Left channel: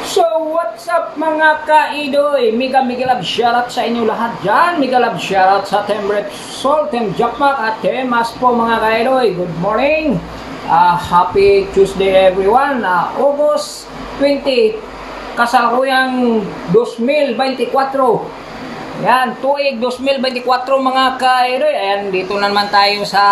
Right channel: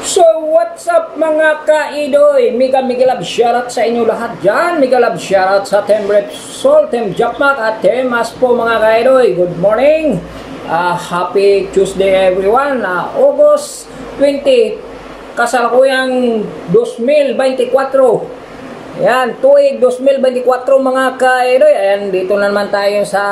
So, what's up mga kaidoy? Mega love shoutout sa inyo lahat dyan. Mega love shoutout sa Team Repsol, Team Jackpack at Team Aspo mga kaidoy. Good morning. Happy Tuesday everyone. August 20, kasalukuyang 2024. Yan, tuig 2024 mga kaidoy. Ayan, dito na naman tayo sa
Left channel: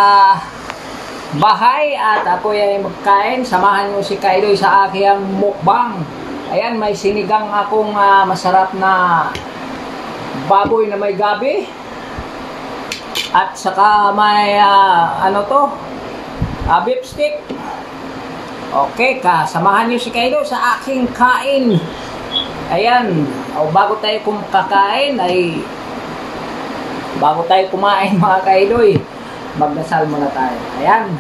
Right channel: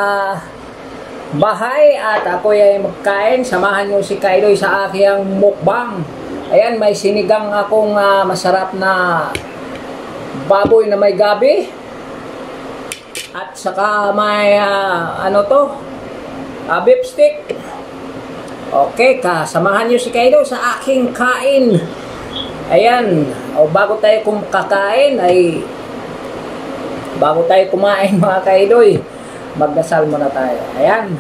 bahay at ako ay magkain. Samahan nyo si kaidoy sa aking mukbang. Ayan, may sinigang akong masarap na baboy na may gabi. At saka may beef stick. Okay, samahan nyo si kaidoy sa aking kain. Ayan, bago tayo kakain ay bago tayo kumain mga kaidoy, magdasal muna tayo. Ayan.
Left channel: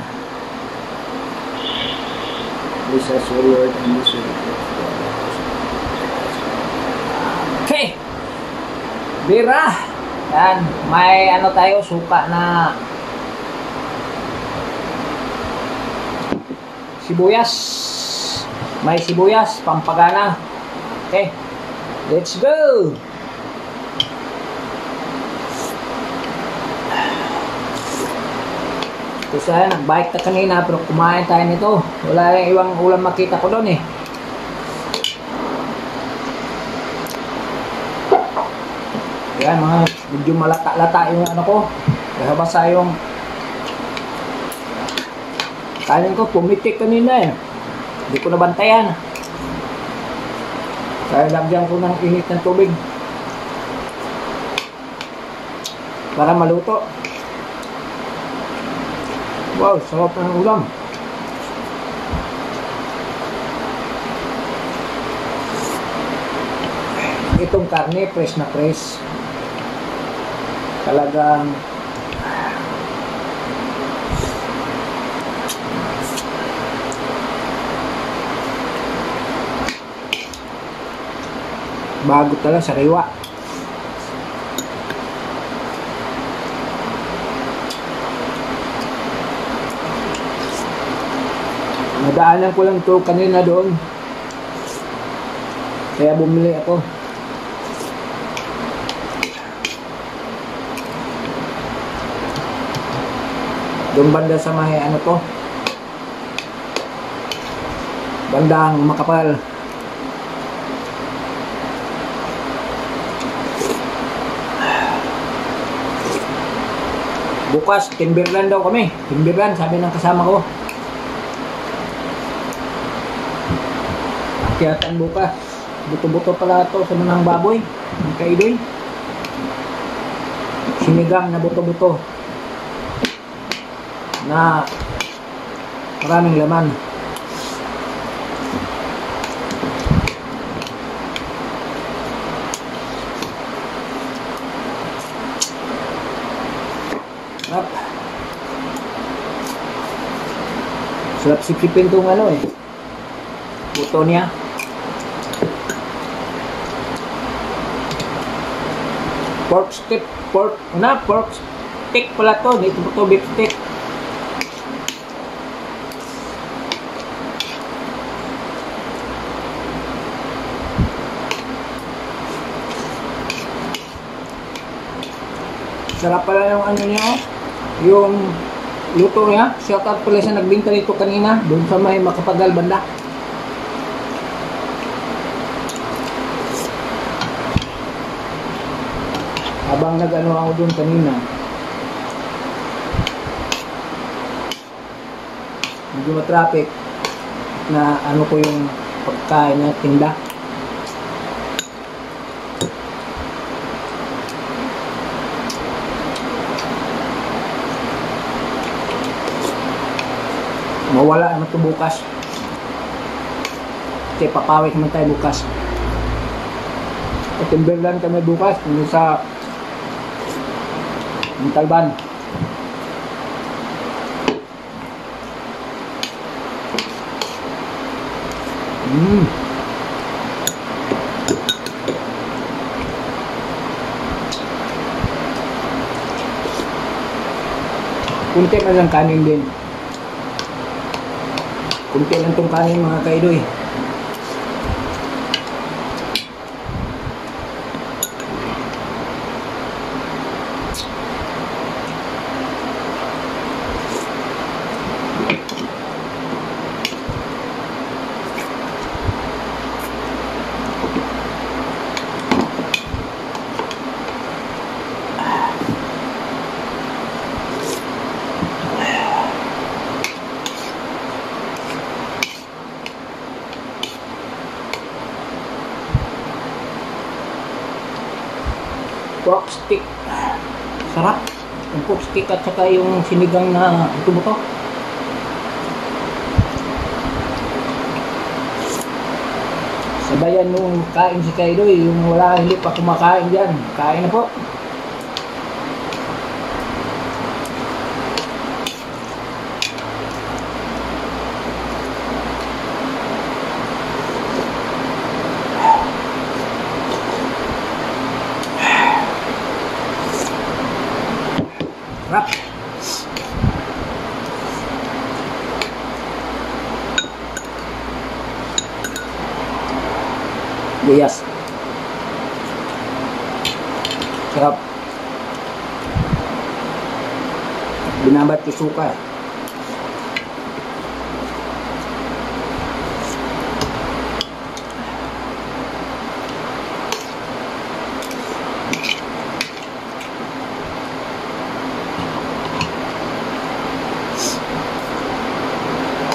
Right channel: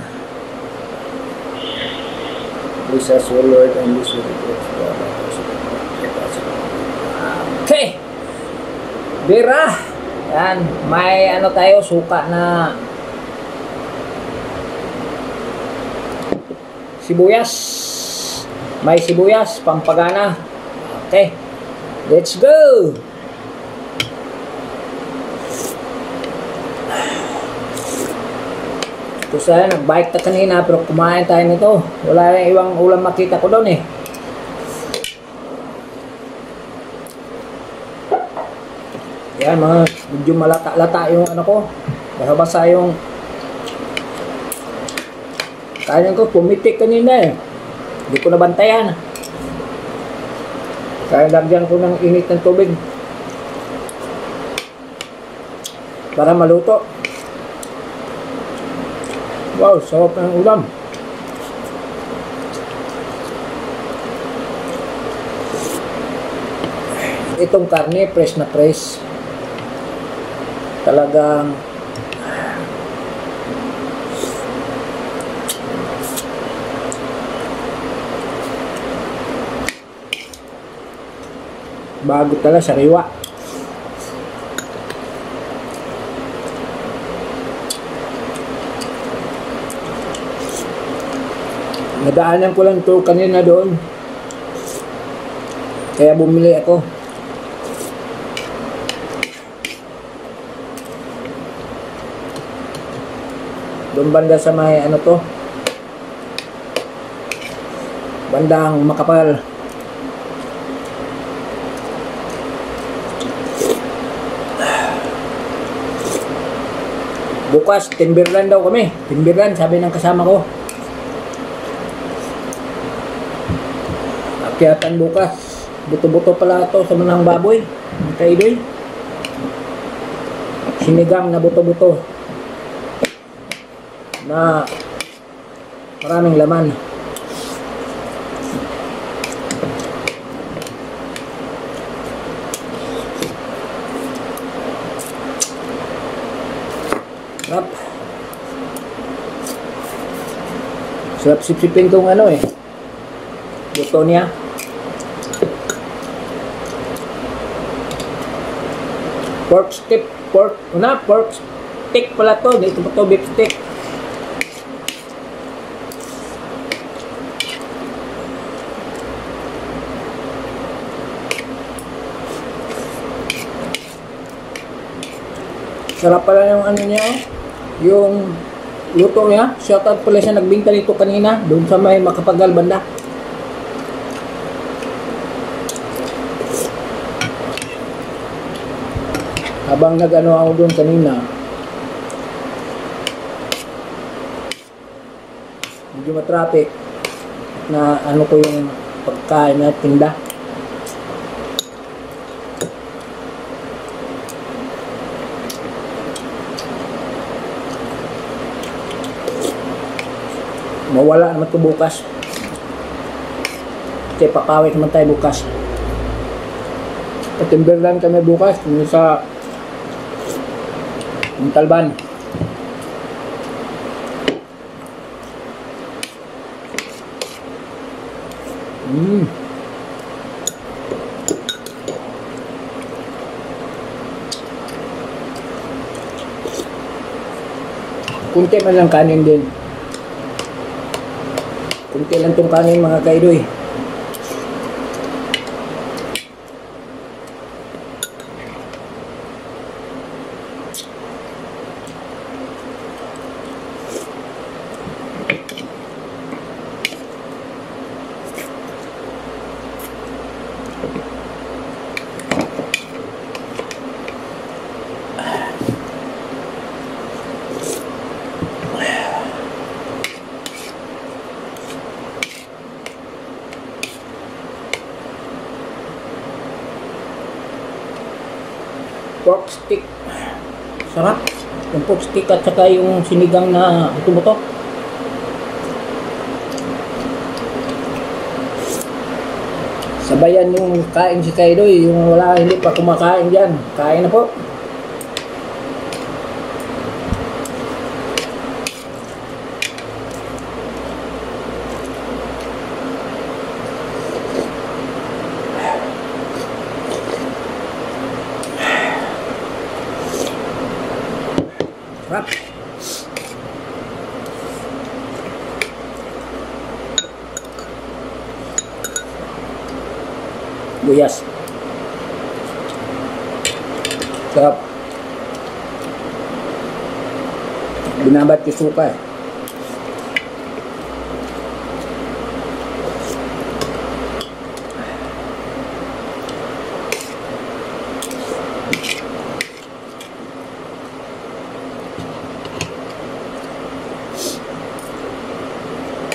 Please as your Lord and this will be okay. Bira. Yan. May tayo, suka na sibuyas. May sibuyas, pampagana. Okay. Let's go. Kasi nag-bike ta kanina pero kumain tayo nito. Wala yung ibang ulam makita ko doon eh. Yan mga medyo malata-lata yung ko. Basa yung kanin ko, pumitik kanina eh. Hindi ko nabantayan. Kaya lagyan ko ng init ng tubig para maluto. Wow, sarap ng ulam. Itong karne, fresh na fresh. Talagang bago talaga, sariwa. Nadaanan ko lang to kanina doon. Kaya bumili ako. Doon banda sa may bandang Makapal. Bukas, Timberland daw kami. Timberland, sabi ng kasama ko. Akyatan bukas. Buto-buto pala ito sa manang baboy. Ang kaidoy. Sinigang na buto-buto. Na maraming laman. Sarap. Sarap sipsipin itong buto niya. Pork stick pala to. Dito po to beef stick. Sarap pala yung niya, yung luto niya. Shoutout pala siya, nagbinta nito kanina doon sa may Makapagal banda. Habang ako doon kanina, medyo matraffic na ko yung pagkain na tinda. Mawala naman ito bukas. Kasi papawit naman tayo bukas. At Timberland kami bukas. Sa Montalban. Kunti man lang kanin din. Kunti lang tong kanin mga kaidoy. pork stick. Sarap. Yung pork stick at saka yung sinigang na buto-buto. Sabayan nung kain si Kaidoy, yung wala hindi pa kumakain dyan. Kain na po. Sarap. Buyas. Sarap. Binabat yung suka.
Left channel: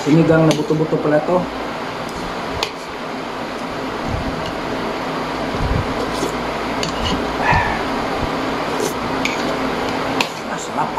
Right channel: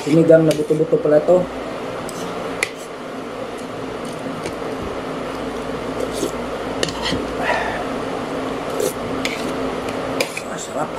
Sinigang na buto-buto pala to. Sarap.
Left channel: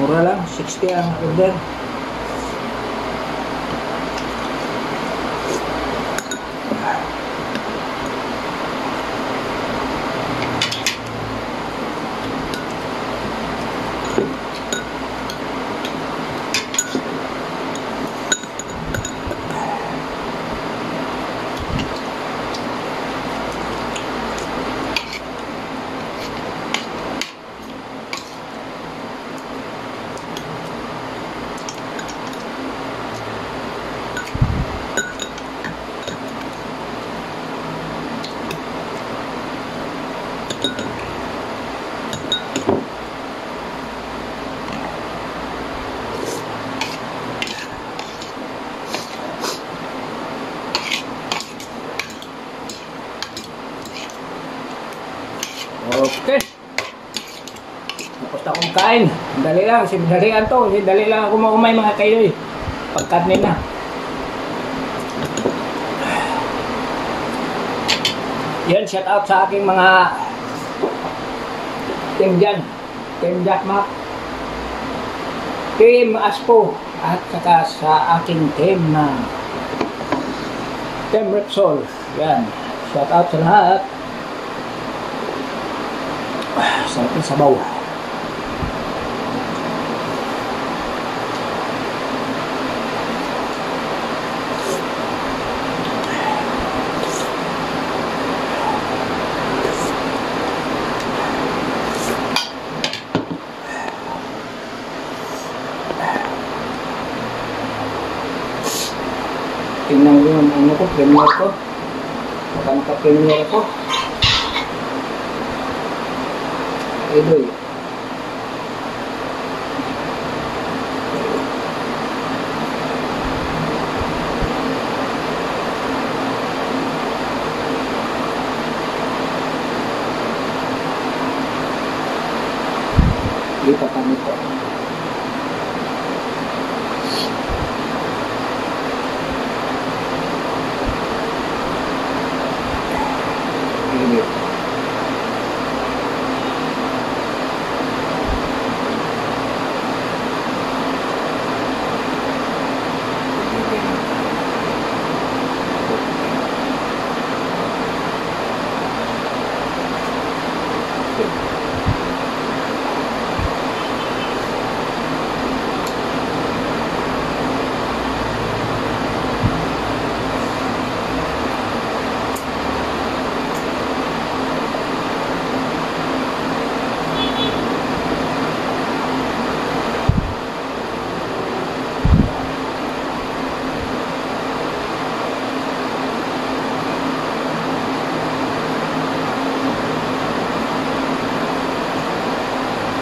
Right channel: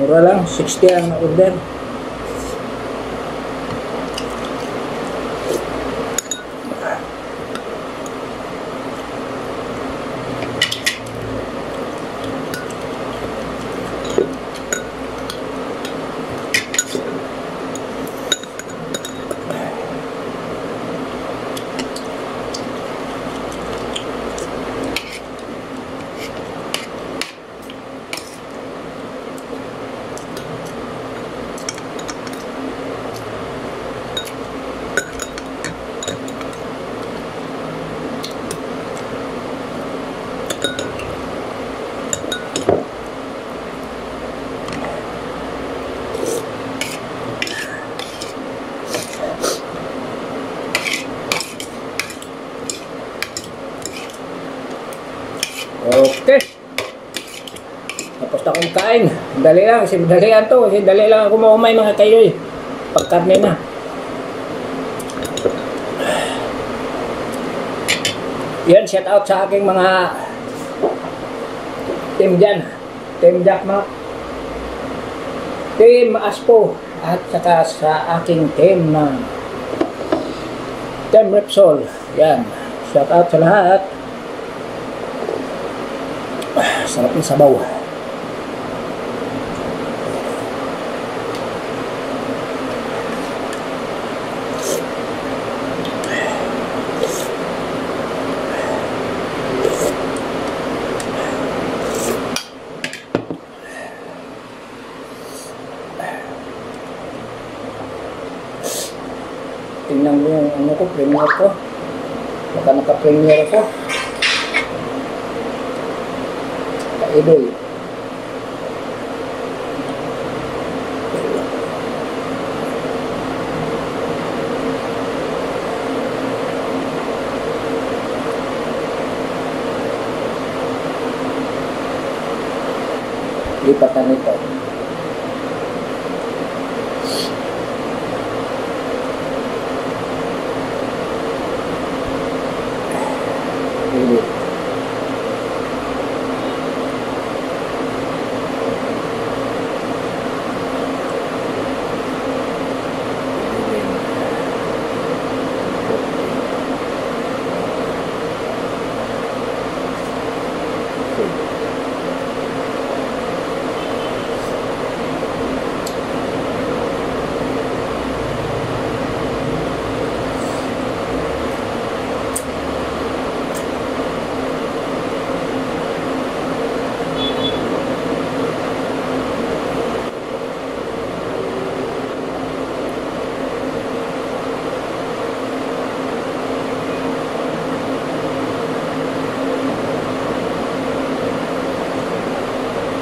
Mura lang, 60 ang order. Okay. Tapos na akong kain. Dali lang. Dalian to. Dali lang ako maumay mga kayoy. Pagkarne na. Yan. Shout out sa aking mga team dyan. Team Jackmark. Team Aspo. At saka sa aking team na Team Repsol. Yan. Shout out sa lahat. Sarap ng sabaw. Tingnan mo yung ano ko, premier ko. Baka naka-premier ako. Kaidoy. Lipatan nito. Lipat.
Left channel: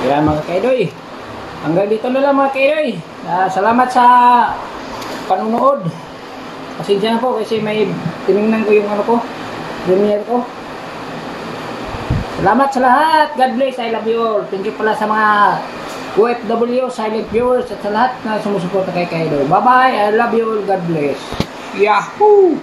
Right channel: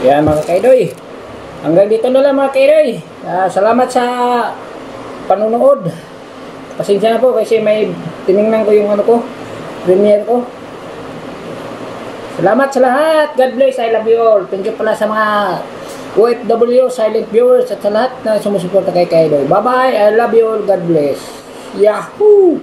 Yan mga kaidoy. Hanggang dito na lang mga kaidoy. Salamat sa panunood. Pasensya na po kasi may tiningnan ko yung ano ko, premiere ko. Salamat sa lahat. God bless. I love you all. Thank you pala sa mga OFW, silent viewers at sa lahat na sumusuporta kay Kaidoy. Bye bye. I love you all. God bless. Yahoo!